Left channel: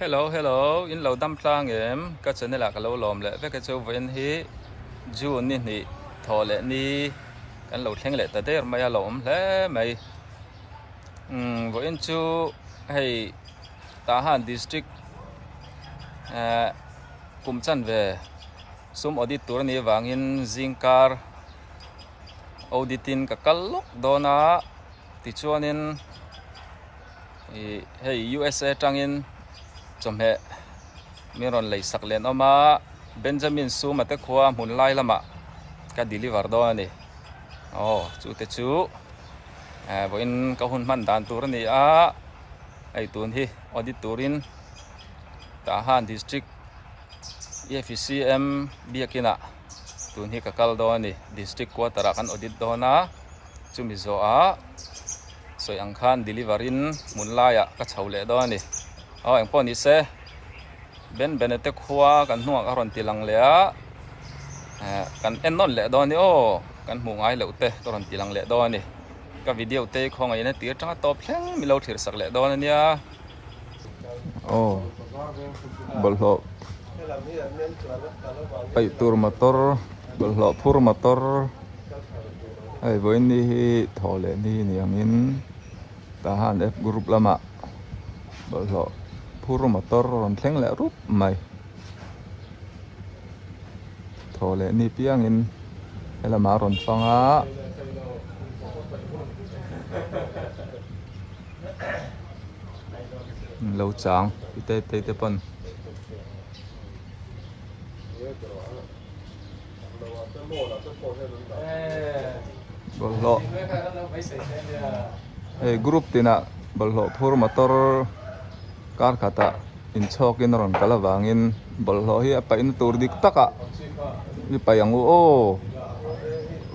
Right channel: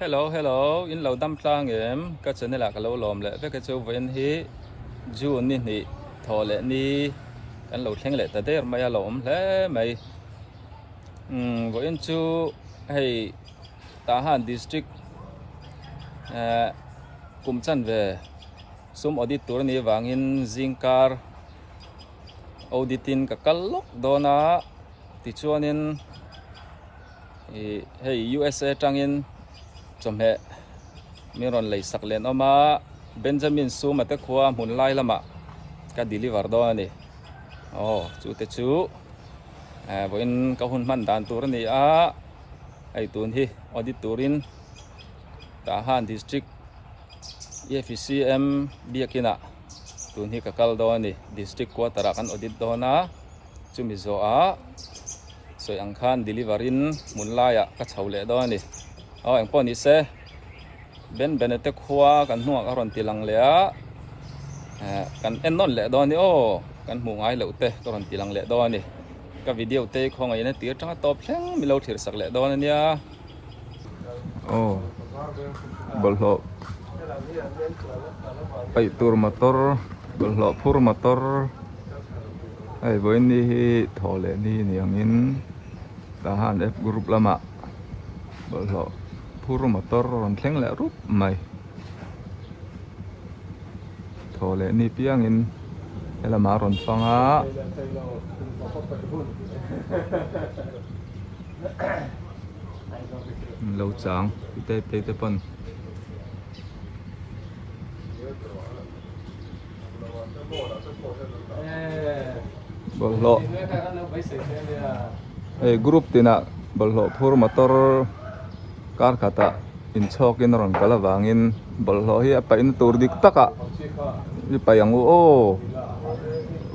Hello, in lâu đâm tlang em, các chân này là cái lâu lòm lệ, với cái châu vẫn hi, June nè, thọ lệ ni, cái lâu thèn lệ tới đây mà lòm lệ mày, với chú hay Tahan district, cùng chân về, sum auditor ni vangin zingkar, auditin cái lúc đó na, thì cho nên hay USA trangin chom he miron lei sak len oma Benjamin Su mate khua mun lai lama ka deliver do ani chu te chu voin ka hun man dan tur ni a ai tun hi auditorin Tahan district EFCM biakina tun hi ka kal do ani district ko tarakan audit do na chumi zo a soi ang khan deliverin mun laia ka chhaule do ani anh pon ni se ben benete khua kan nuak aron tilang lea kan enon le do ni kan mu ngai lo te aron tilang le do ni ka video te khong ai na tir tanga top thleng mi lo thir sak le do na nia bolho pai tur motor bolho phur motor ai với ni thole ni niamin Tahan F group lama bolho phur motor ron thleng le rup mai thole ni piang in elama ron fanga lâu chang te pon bolho group tina bolho phur motor kar kata in chok in ron kala wangin bolho hi apa in tur dik taka ni payang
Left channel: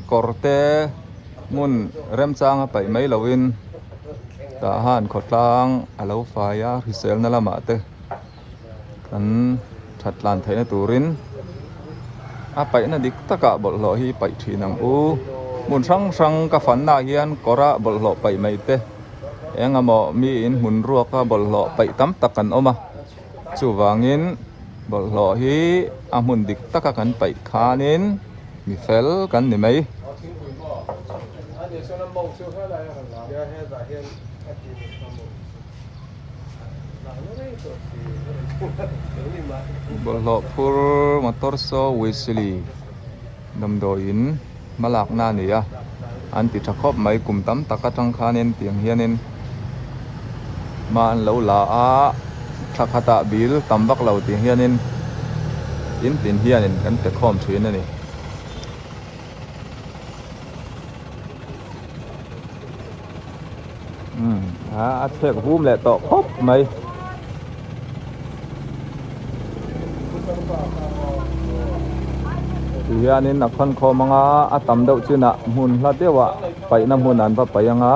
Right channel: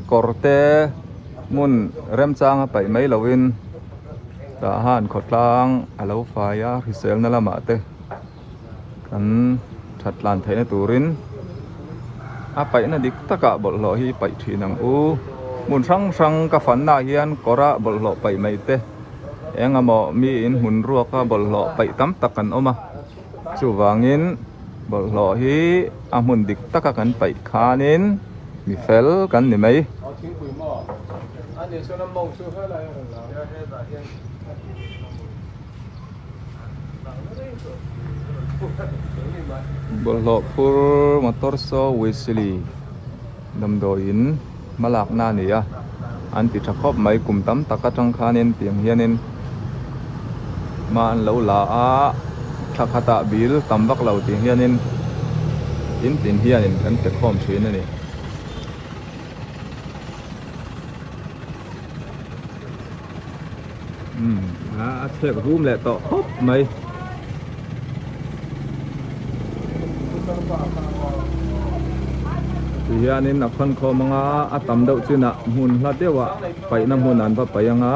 korte mun rem chang apa mai lowin Tahan khotlang alo faya risel na lama te kan thatlan thaina turin apa ina dik taka bolho hi pai thinang mun sang ka fanna hian kora bolho pai mai te engamo mi in hun ruaka bolho pai tam takan oma chu wangin bolho hi amun dik taka kan pai khanin mi fel kan ni mai bolho phur motor so Wesley damdoin malak na niya an ti thakop mai kum tam taka tang khanin tiang hianin man lo la a thakata bil tambak lo tiang hianin in tin hianin kan te khom thin ani a thek hum le to hop mai hianin nak khan kho manga atam do chuna hun la dewa pai na hun an pa payanga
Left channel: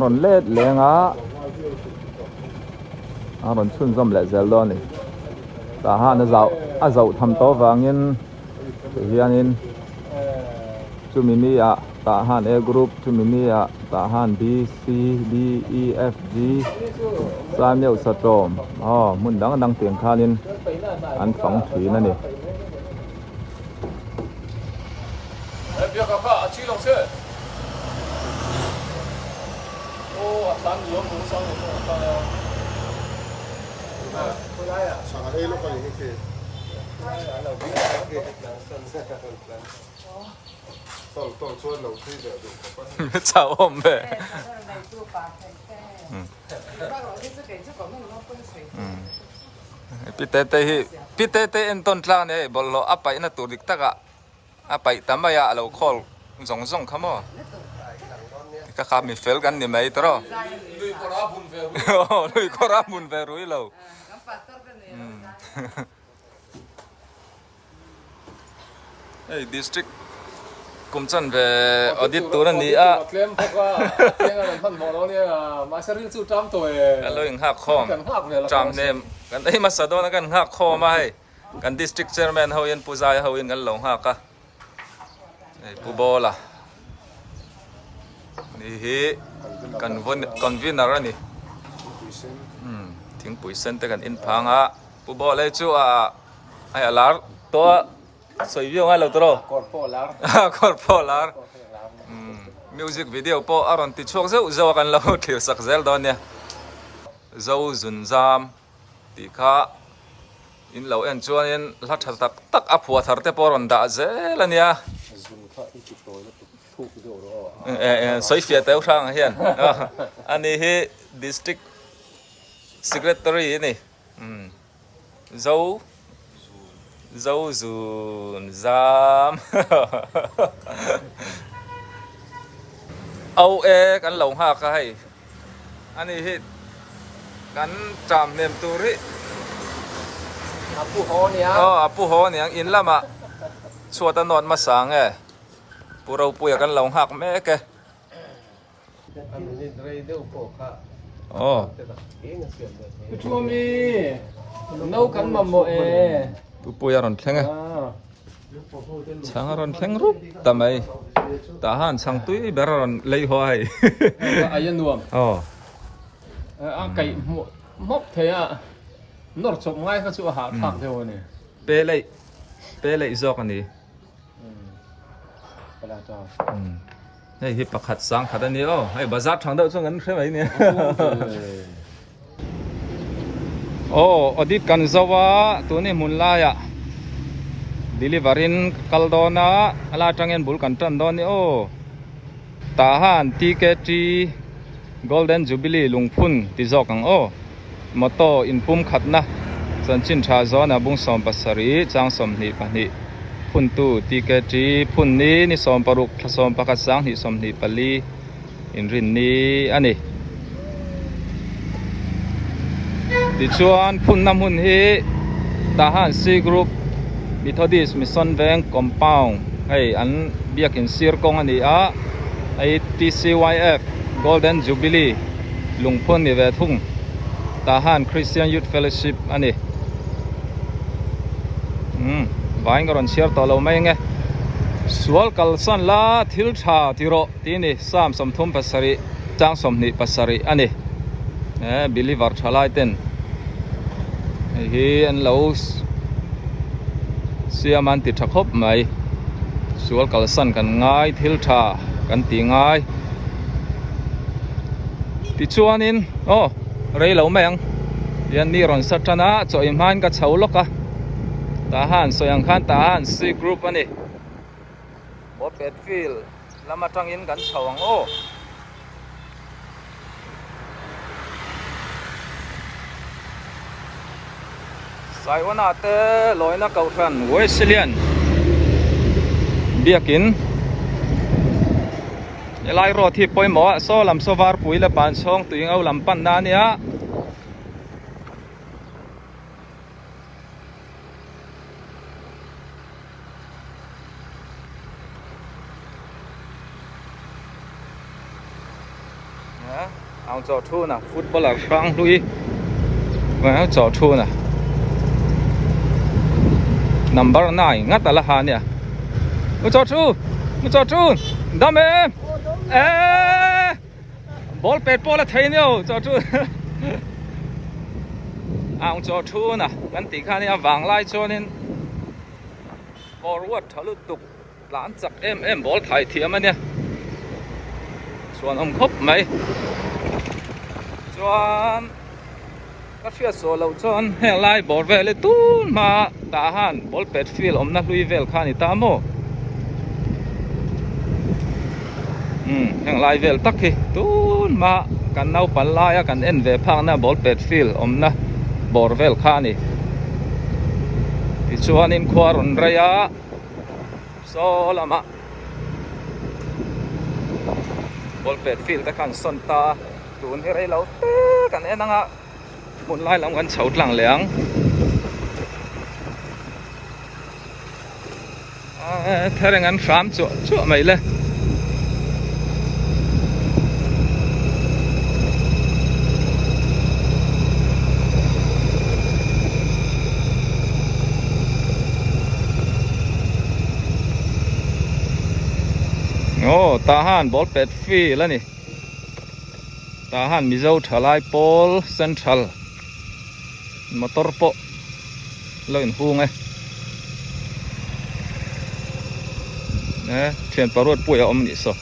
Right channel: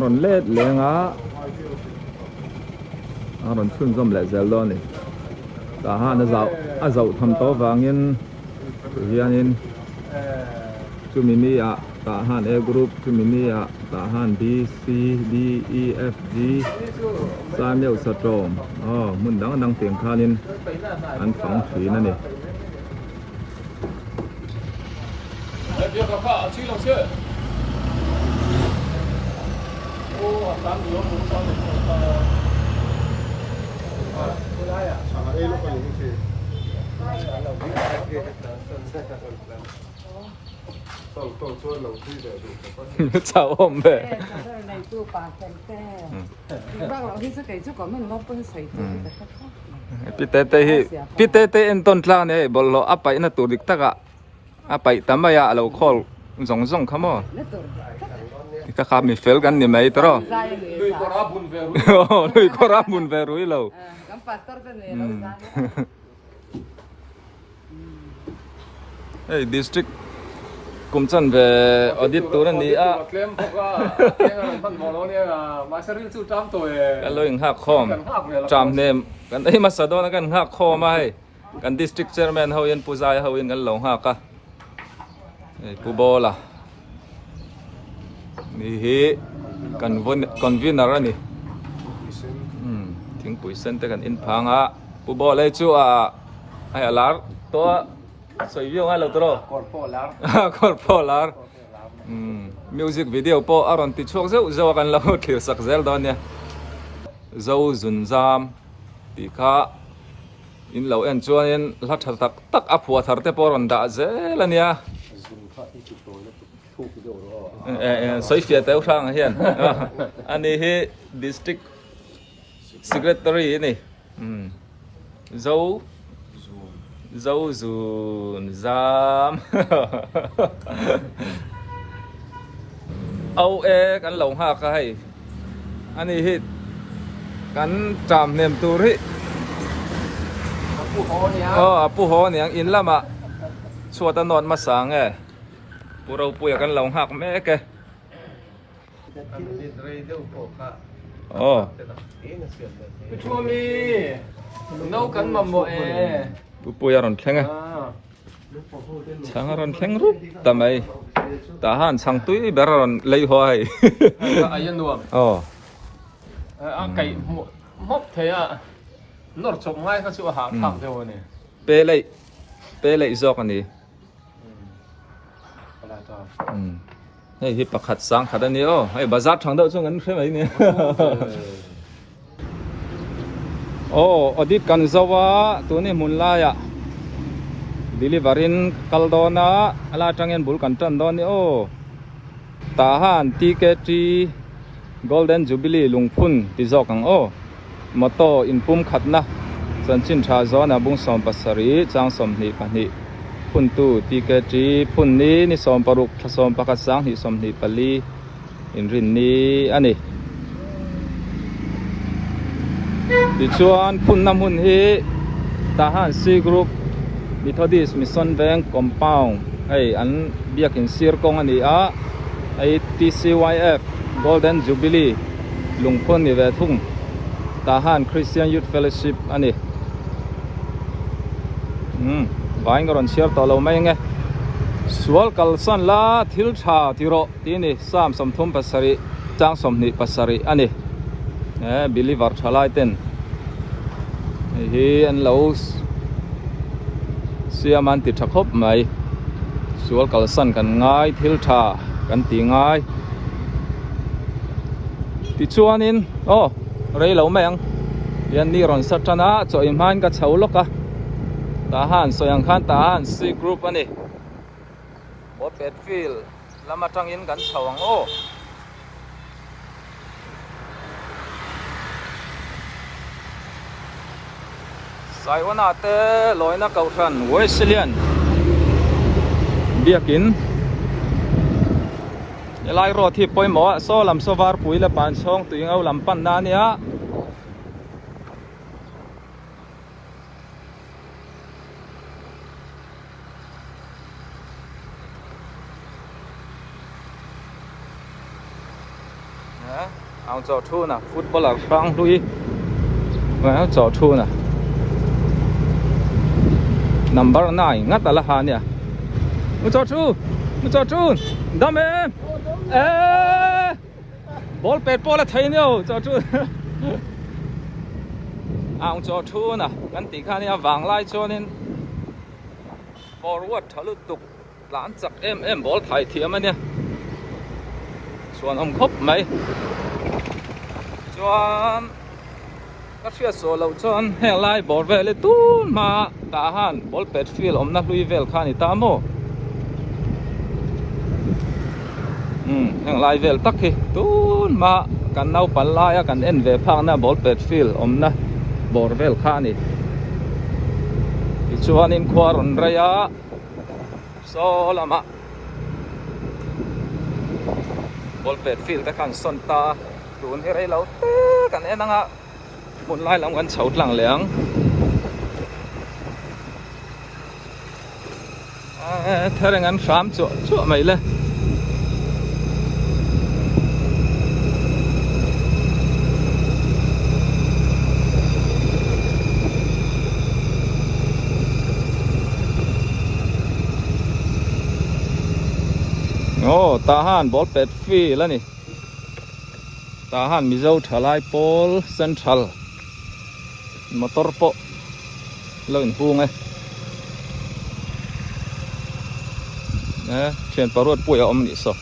ron let lenga ron chun zom le zel lo ni Tahan a zau tham to wangin hianin chumini a Tahan A group chumini a Tahan B C D E F G samyeu satrom mun dang tiang khanin an phang thri na ni别可怕，去龙去。咱们有工商的回来呀，上海路可以去。走我们呗。Pite enton tlang ne bollo apa ina turik taka apa tamaya alo call zong kamo ka kami fel kan ni mai tro lui korabun veru ilo district kumchan ve audit tur ni a alo ing ha khom tram nem kan ei masadon kan ha khom ai kan district chairman ho yen puzai ho in kan lo ha ka pubola ni hi convener ani thing pui sen te kan in phanga pu bo le chu a ai alar to soi viu ngai lo tro kor po lar music video po aron ti chok zeu zo kan lo thlir sak zel don ne zo zun zam ti kha in lo en chuan in la thar tak a phua thar te poron da zel ania soi fia te sang hian ani hi district secretary ni zo zun zam au e kan lo ha ka hai ani hi kan tram nem tur hi apu ho niang in lama chuata non ma sang e puro puya kan lo hak me ke Chumi nấu cắn mà mồi puya ron thleng e chang ron thleng rup tamai ta han sang tui ber ron lei hoi ai nuông cái móc thế à nó chụp ngay cái chỗ hàng thảo thôi nè pe lei zok ani hey hi pakhat sang khat ani hey bazar thang deuh chu ngan threm ai ni audit kan zawa tuni munla ya deliverin kaldona ala tangen bul kan tan don ni tahan TKT Golden Jubilee lungphun ti zokang moto inpum khatna chanchin tha zona bung som pasari chang som ni pani phun tu TKT phun ni som paruk thsom pakhat sang ni som ni pali in rin ni ani ti chuan phun nam hun hi tahan C group Methodist Mission Bank compound ai an biakin sir kong ani a ai TCYF Golden Jubilee lungphun ni ve thung tahan Christian Youth Fellowship ani vai ngaron share to lo mai nge sual kalsan la thil tha tiro tini sam somthum pasari chang somni pasari ani believer thalai ten hi an lo siaman ti thakop mai sual kalsan kan ngai thil tha kan ti ngai ti chuanin rei lo meng yan ni ron satana cho imhan ka chhauloka tahan soyang khan tahan C group ani Botpet field lama tangin kan thawang Saiwana te loina kauthan Wesleyan biakin elai ro thi poimo so lam sowar puila pan song tuing au lam pan na nia ao cho thu na footballer sang lui ao cho thu na number 9 ngắt là hà nè cho thu đam em ball pet ball là thấy nhau cho thu ao cho thu na kan ti kha nia wang lai cho nên forward thalu tuk lan chak em ball thai thiam ania chuan khop mai chuan các chuyện số lâu chuan hẹn lại bỏ về lấy tún mà ta han ball pet field om na lui vel khan ta mo hẹn lại vel tắc hi tún mà kan nau pan lai kan en ve phang na ball pet field om na bor vel khan ni ti chuan in khwaron raya so lama ball pet field ta kan son ta tun hi rei lo te kan enanga mun lai lam kan chhout lang leang thareng an ram chu mai le tahan ball pet field ani tahan mizo thalai pol central motor po lo in hung ấy nè thuyền parut pui om ni so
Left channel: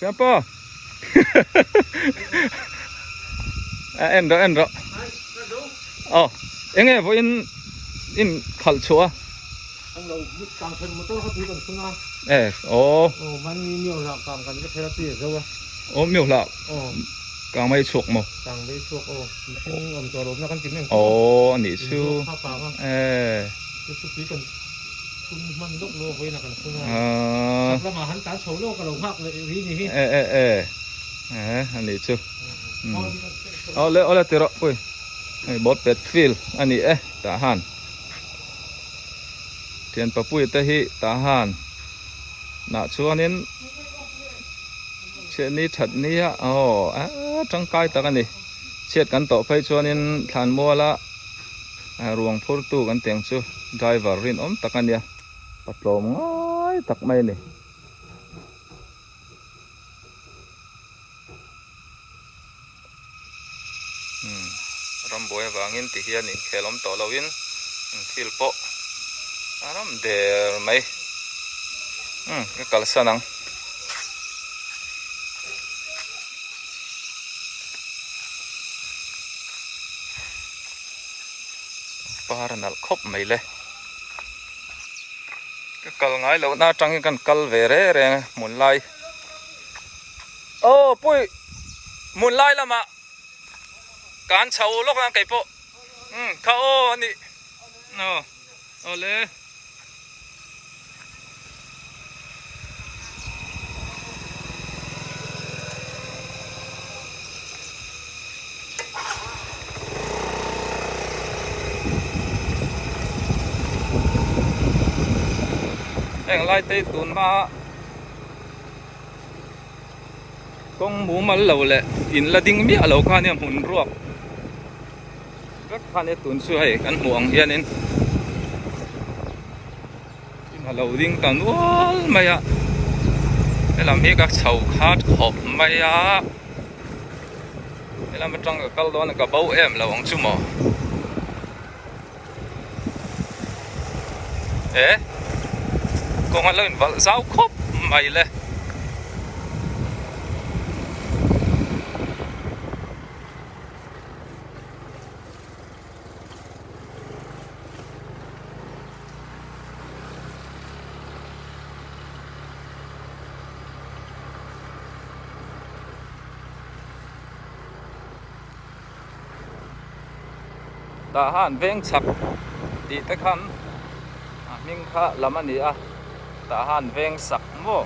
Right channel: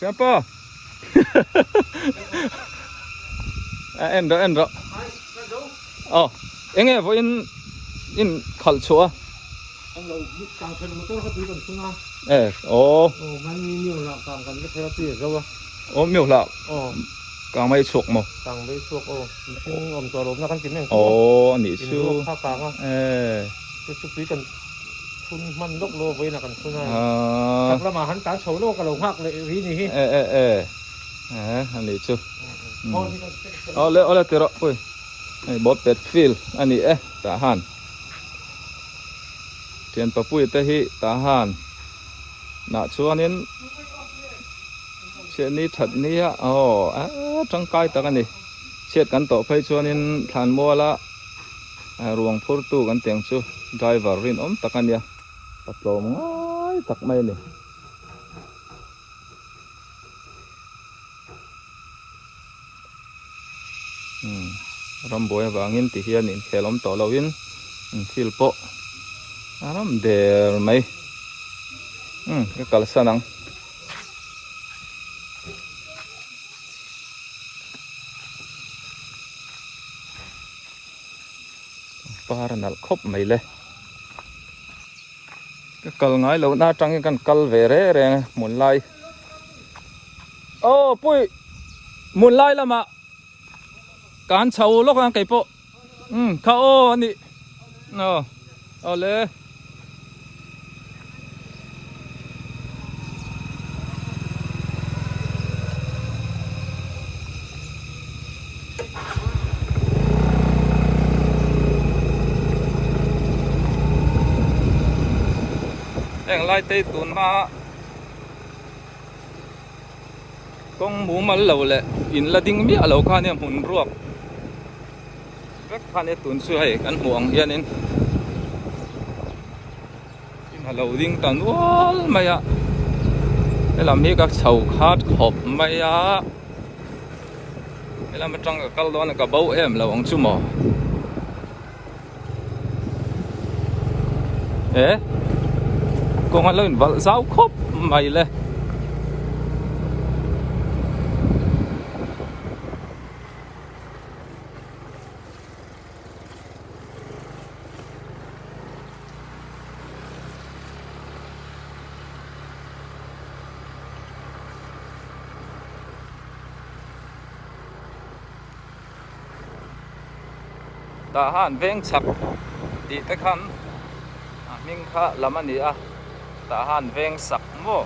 Campo en đó oh em vô in khal chua anh đâu biết càng thân motorเขาตีกันขึ้นมา oh โอ้มันมีเหนียวหลักกลางกันก็เทเลปีก็ว่า oh miêu lạ โอ้ càng mấy chuột mà กลางไปช่วงโอ้ช่วงอมตัวลมแล้วกันกินหนึ่ง oh nỉ ชู chu ภาคกลางอ่ะจะสุดกันคุณมันลกโลไว้นะกันคุณว่าทำละมาหันตาโฉโลกับเราภาคเลยวินี่ anh nỉ chu ole tiro ui bot pet fil anh nỉ ta han thiền pa pui ta hi ta han na chuanin chuyện ní thật ní á trăng cai ta cái này chết cắn tổ phơi chuanin thàn mua la ruộng phur tu kan tiang chu driver rin ta cái này bắt lom ngay tak mai này ramboy wangin ti hian in khelom to lowin fil po aram der mai cái kalsanang paranal khop mai le cái kal ngai lo na tang kan kal ve re re mun lai pui mun lai lama kan chau lok ang kai po kha o ni no ole anh lại tây tuần mà con mũ mal lâu lệ in là đinh mía lâu khan em muốn ruộng rất khan em tuần xưa hay ăn muỗng yên nên mà lâu đinh tàn wall mày à để làm gì các sầu khát hộp mày à để làm trong cái câu đó là cả bầu em là ông chú mỏ con ăn lên vợ giáo khóc mày lên ta han veng chak đi tới khăn mình khá làm anh đi à ta han veng sak mo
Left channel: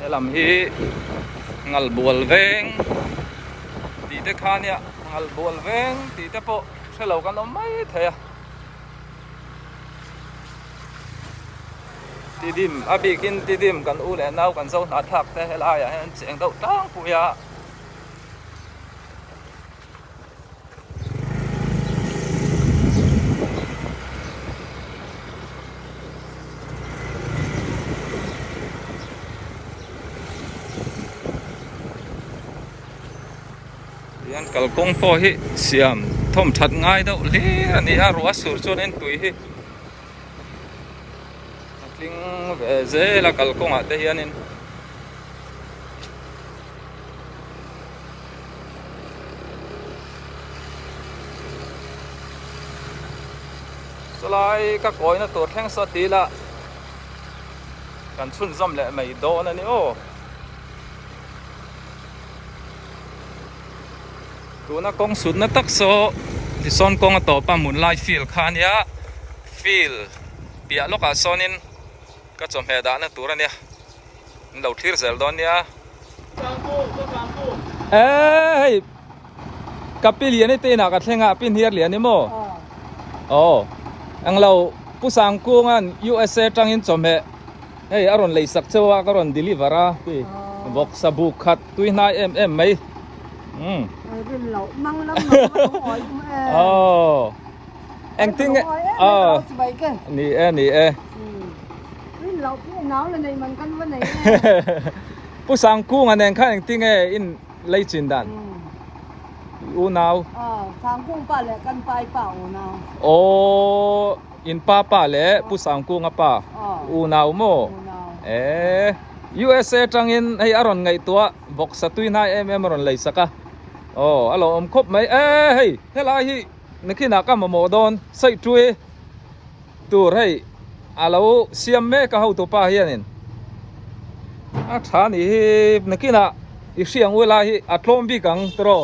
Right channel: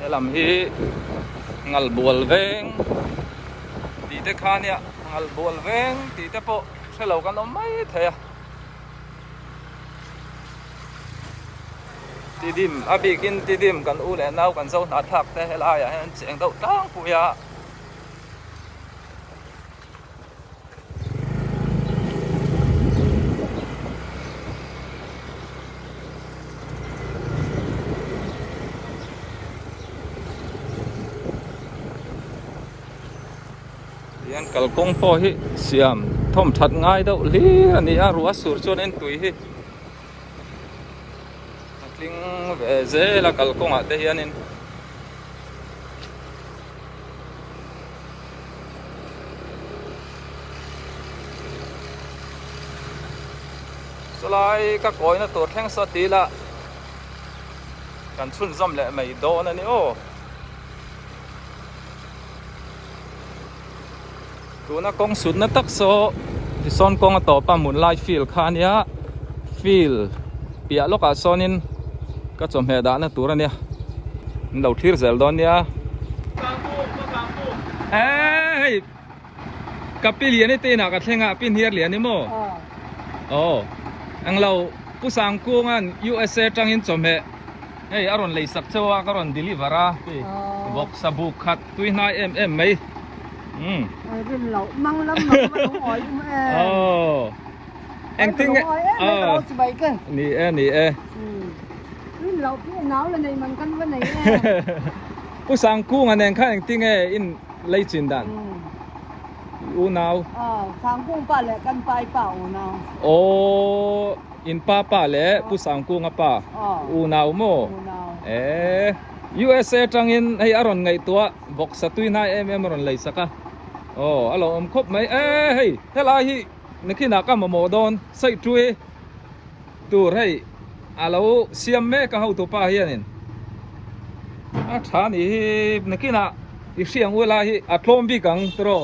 để làm hi ngal buol veng đi tới khăn ya ngal buol veng đi tới po sẽ lâu cái nó mấy thế à ti dim abi kin ti dim kan u le nau kan so na thak te helai ya hen cheng dau tang pu ya yan kalkong po hi siam thom that ngai dau li ani a ruwa sur chon en tui hi ting ve ze la kalkong a te hianin solai ka koi na tur theng so ti la kan chun zam le mai do na ni o tu na kong sud na tak so ti son kong to pa mun lai feel khan ya feel pia loka sonin ka chom he da na tur ania lo thir zel don ya hey kapil yani te na ka thlenga pin hier lian ni mo ang lo pusang ko ngan USA tangin chom he hey aron lei sak chawa ka ron delivera pi bok sabu khat tui nai em mai bên lẩu măng lắm mà không hỏi anh tính nì bên lẩu cái náo lên này mình căn vấn này bút sang cu anh em khai anh tính in lấy chuyện đàn u nau ทางกุ้งป่าแหละกันไปเปล่าเนาะ โออินป้าป้าแหละผู้สังกูงะป้าอูนาวโม เนาะ USA จังอินให้อารอนไงตัวบอกสตุยนายเอ็มรอนเลยสักะโอ้อารมณ์ครบไหมเฮ้ยเฮลาฮินึกขึ้นนักมาโมดอนใส่ช่วยตัวให้อาเราเสียมเมก็เขาตัวป้าเฮียนินอาชานี่นึกขึ้นนะอีเสียงเวลาฮิอัดลมบีกังตัว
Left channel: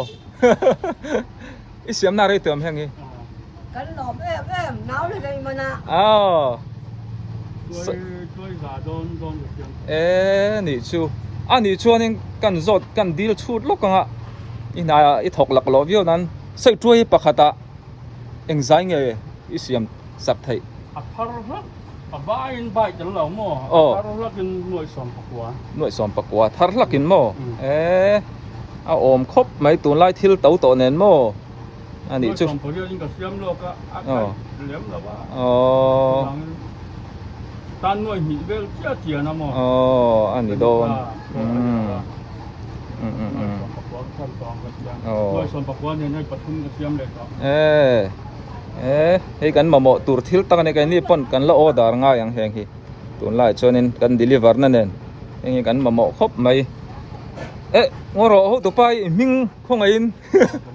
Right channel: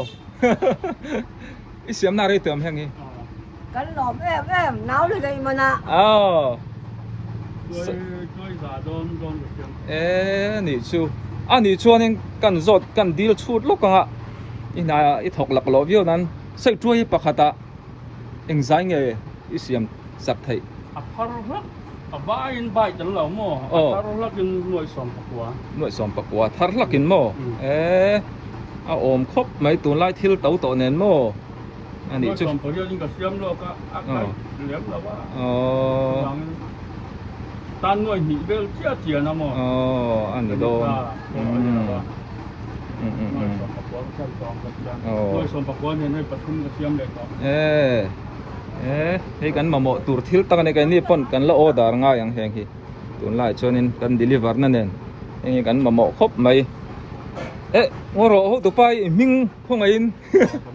อีเสียมน่าเรื่อยเติมแห่งนี้ กันหลอบแอมหนาวเลยมันนะ อ้าว ด้วยสาโดนกับเสียง你就你说呢干热干地了出落干啊一头落落表นั้นใส่ช่วยปะคตาเอ็งใจไงอีเสียมสักไทย พาร์ลักบ้านใบจังเหล่าโม่พาร์ลักกินหน่วยสอนปักวัว หน่วยสอนปะกัวทาร์ลักกินโมเอาอมครบไม่ตัวไล่ทิลเต้าโตเนนโมอัน หน่ นี้ วย จุ สอนปักวัวยิ่งกับเสียมโลกอากาศเหลวแล้วว่าตานหน่วยหิเวลเจียนะโม่ อันนี้โดน หน่วยสอนปักวัวขั้นตอนกันยังหน่วยสอนปักวัวเนี่ยให้ประชุมกับเสียมเลยต่อให้กันมาโมตัวทิลตั้งในกันนี่ปนกันละออดาร์ง่ายอย่างแห่งที่ตัวไล่ชนินกันเดลิเวอร์นั่นเองยังกันมาโมครบไหมงอรอตัวไปมิงพงอิน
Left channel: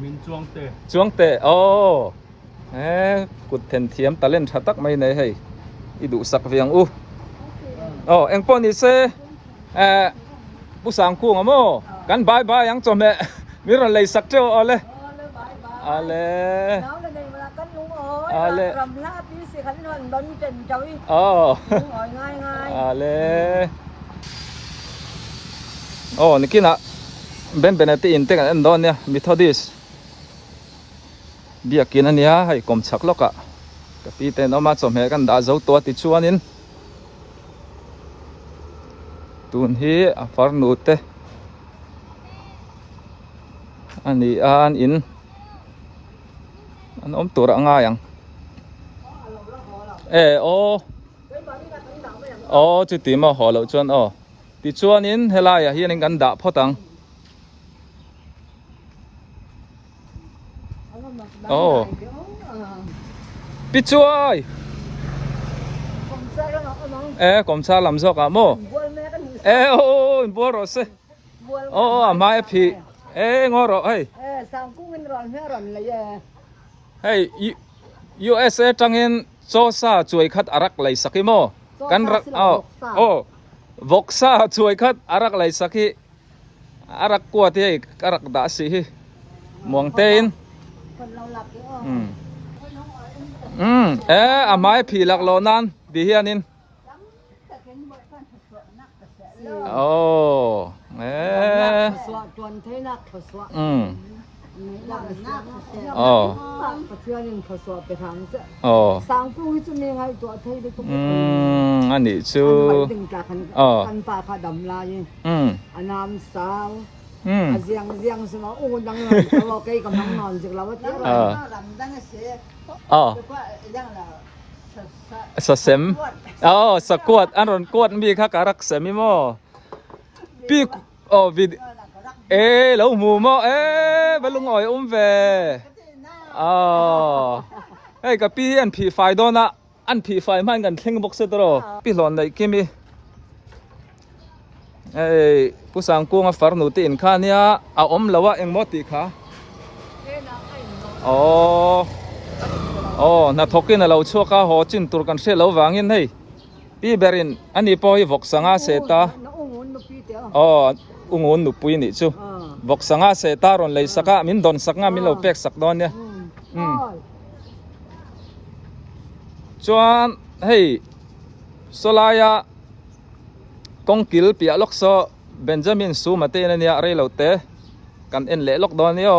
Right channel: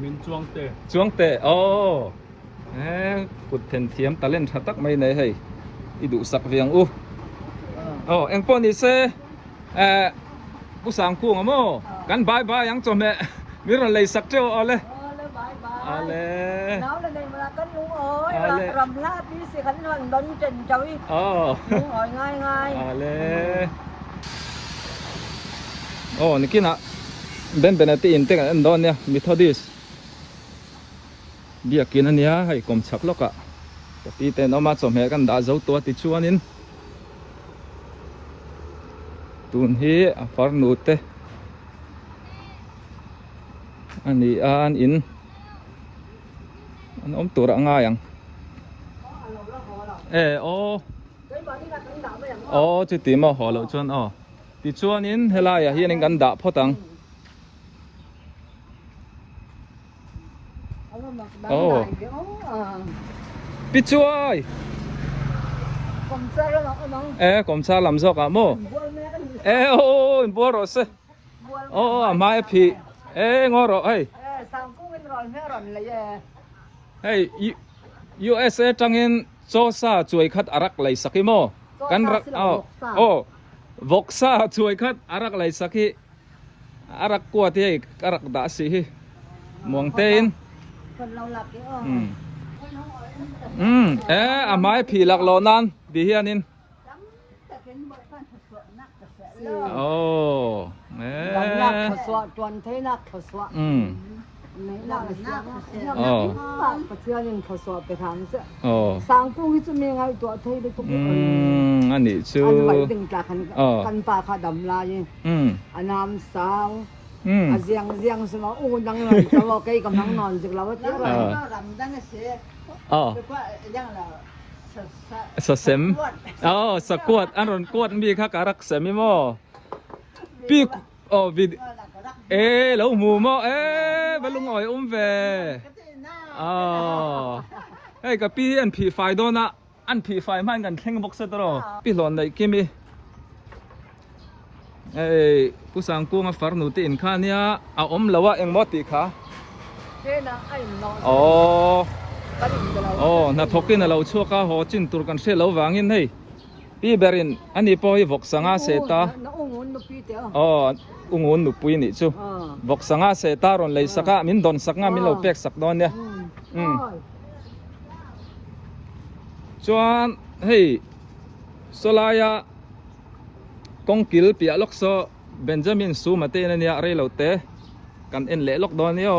มินจวงเตะ จวงเตะกุดเทนเทียมตะเล่นชัดตักไม่ในให้อีดูสักเวียงเอ็งปอนี่เซผู้สังคู่งะโมกันบายบายยังจอมมีอะไรเลยสักเจ้าเอาเลยเอาเลย หนาวเลยมันกันลุงเอ้ยรำลาพี่สิขันหันดอนเจนจอยลุงเอ้ยง่ายเอาเลยนี่กินอ่ะเป็นตีอินเตกันอันดอนเนี่ยมิทอดิสเบียกินอันเนี้ยให้กลมชักลกอ่ะแต่ปีเตนเอามาสมเหกันด่าเจ้าตัวติดชัวนินตุนฮีฟาร์นูเตอันนี้อันอินอันอมตัวง่ายยังจุดที่มาหอเราจนติดชัวนินเฮลายเฮียนิกันด่าพ่อตังปิดช่วยกรมชาลำซอกอะโมบัวรสมาพี่งอรอเฮ้ยUSA จังเงินโซซาช่วยคัดอารักไหลสักโมกันรักวกซาช่วยคัดอารักไหลสักอารักกวดที่อารักด่าสิมองเต้นไม้ผีหลักโลนั้นดีเฮียนินนักสวดตวนเทนักสวดนักประเทศยังสวดไปทางเสียสังกูจะมีไงตัวเทยตัวอันนี้ชื่อกันป่าผาดำลายอันน้ำสาวเสียงสมองดังเลยตลอดกำลังนอนจิกเราว่าเจ้าดำดังเสียยังเราสเสมสกวดอันรอนกวดมีข้าการักเสมิโมปีวิดแล้วหมูโมบลุงอ่อยเวกับปีอันผีไฟโดนะอันผีไฟมันกันทิ้งบุกเสตโรปีหลอนไหนกิมีผู้สังกูงฟาร์นูตีอินข้าเนี่ยเอาละว่าเอ็งมอติค่ะน่าทกินเราชั่วข้าหัวจินตุรกันเสียเราวางยินให้ปีเบรินอันนี้พอให้วกสังอาเสตาอุ้งุนนุปุยนี่ชูวกสังอาเสตารอนเลยสักมินดอนสักงามินเราเป็กสักดอนเนี่ยจวนให้สลายกงกิลปีล็อกโซเบนจามินซูมาเตนเนี่ยอะไรเราเตะกันเอ็นเละล็อกดอนเนี่ย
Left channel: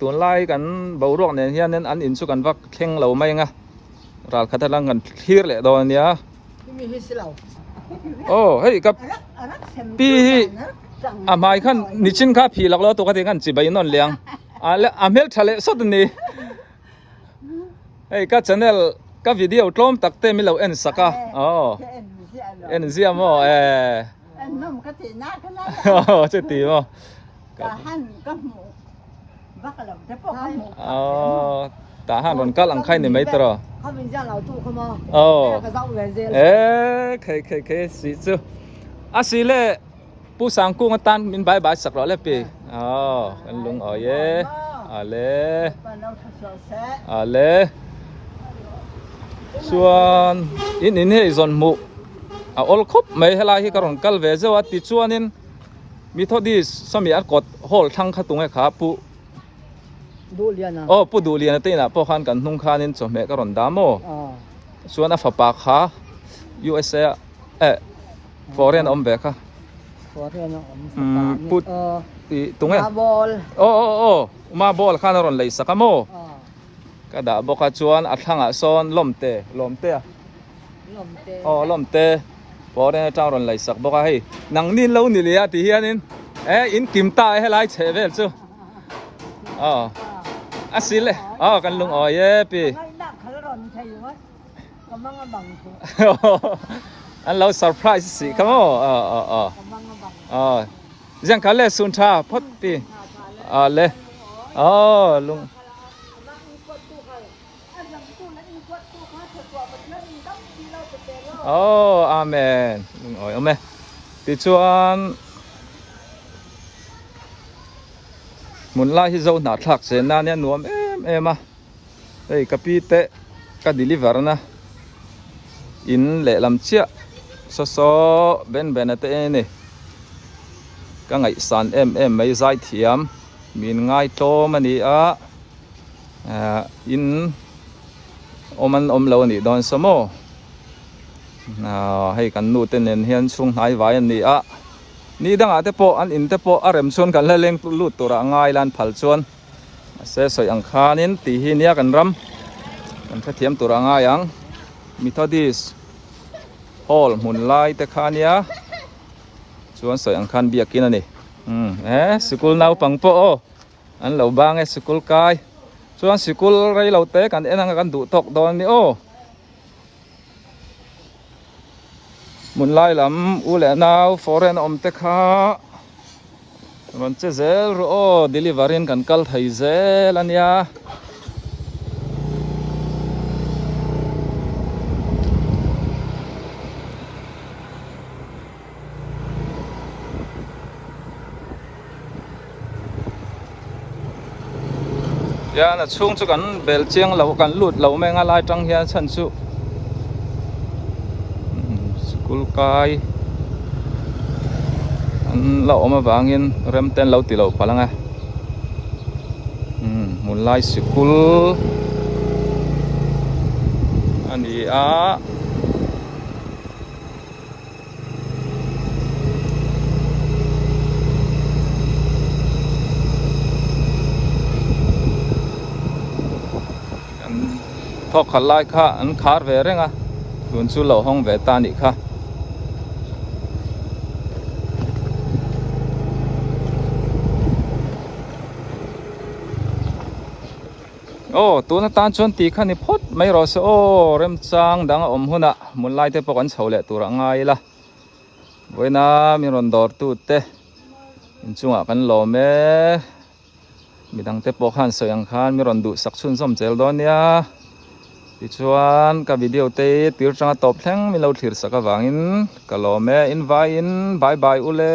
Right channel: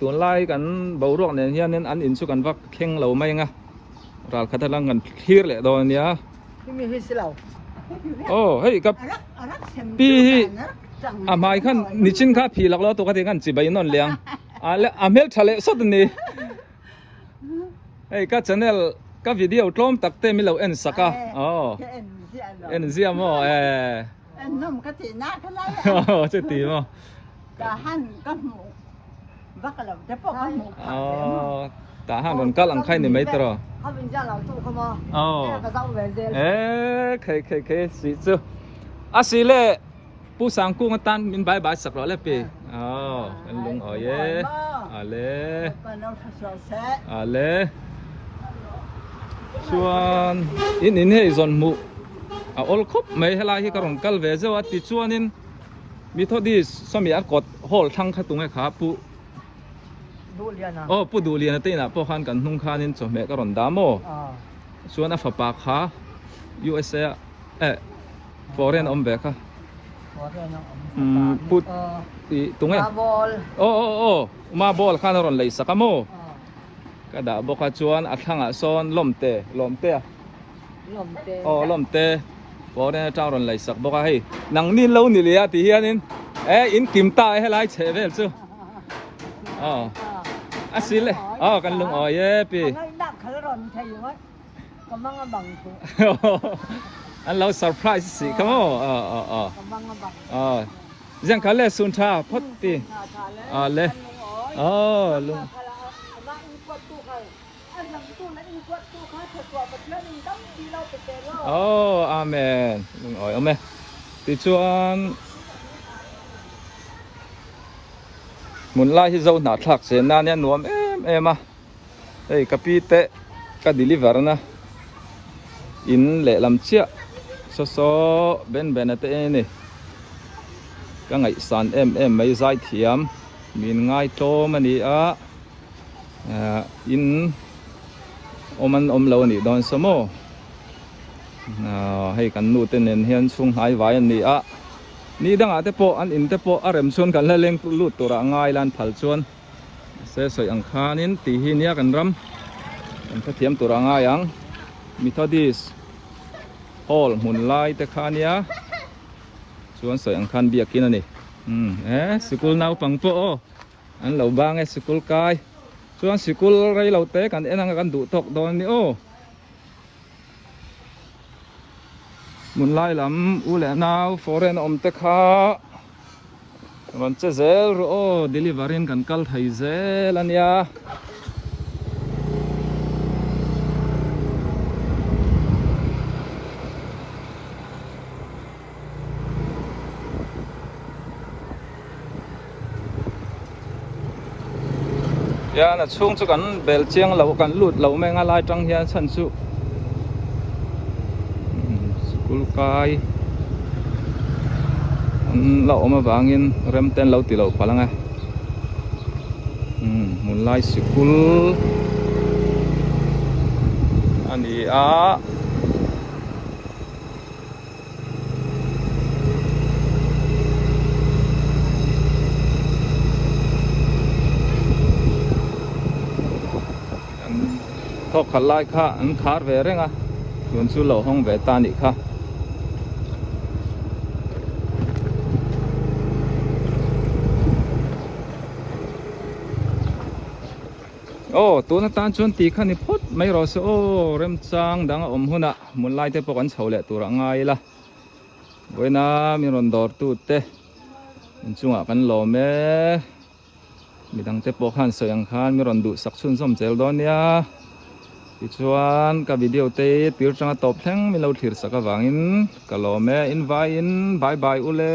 ตัวไล่กันเบารอกเนี่ยเฮียนั้นอันอินสุกันว่าเข่งเราไม่ไงรัลคัดลังกันคลีร์เลยดอนเนี่ยเฮ้ยกับปีไม่ขันนิชินข้าผีหลักล้อตัวกันเองกันจีบนนเลี้ยงแล้วเมลทะเลสุดนี่เฮ้ยก็ชแนลก็วิดีโอตลอมตักเตมิเราเอ็นสักเอ็นเซียมนุ่มกะทิน่ากันเลยจะตีมั้งกะหันกะหมู bác là thế bỏ cái mũ ta han ron kal ang khai ni mai tro không bên ra nào tu không à cái rau về cái sĩ chứ si lệ pu sang cung tan min bye bye sak ro le pi kan lung ye lệ lệ chuan in hei zon mu ol khop mai hela hi karon kal ve zo ati chuan in mi thodis sami at kot hol thang khatung e kha pu pu du lian te na po khan kan hnung khan in cho me karon damo chuan a fapa kha USA foreign om ve kha put ti tunge ma bol khan ron lei sakamo kada boka chuan athanga son lomte lomte bore tang ron lai sak boka hei nang nin lo ni lia ti hianin in kimta he lai chevel chu asile kan lung ye pi an lo surprise si kamo jang khale sun tha phot ti le lung amen lung ome ti chuan mun lai hi zo na thak se na ne nuam em ei kapi te ka deliver na in le lam chia so ben ate ni ka ngai san em mai zai thiam min ngai to mani in om lo ni don samo hei kan nu ten en hian chung hai vai an ni ni danga te po an in te po arem chun kan la leng lut tura ngai lan phal chuan se soi ang khanin ti hi nia kan ram kan tha thiam tura ngai ang Methodist hall mun lai te khania chuan soi ang khan biakin ani school nau pang po an lo bang school kai chuan school rei lo te kan enang kan du tok don ni mun lai lam u le nau foreign om te kha ron che zel ro delivery kan kal thai zel ania na chung chu kan bel chiang lo kan lut lo me nga lai tang hian chan chu school kai an lo ma wangin rem ten lo ti lo palanga mun lai school ani thok khalai kha an khar ve renga tun chu lo hong ve ta ni kha tu na tan chon ti kha ni phot mai ro se rem chang dang om huna mun lai te pok an chhole tura ngai la voina mi ron dor tu te in chunga kan lo me midang te pok han soyang khan mi ron du sak chun som chel don ya ti chuan ka video te tir changa top thleng mi lo thlir saka wangin ka lo me in vai in bye bye ule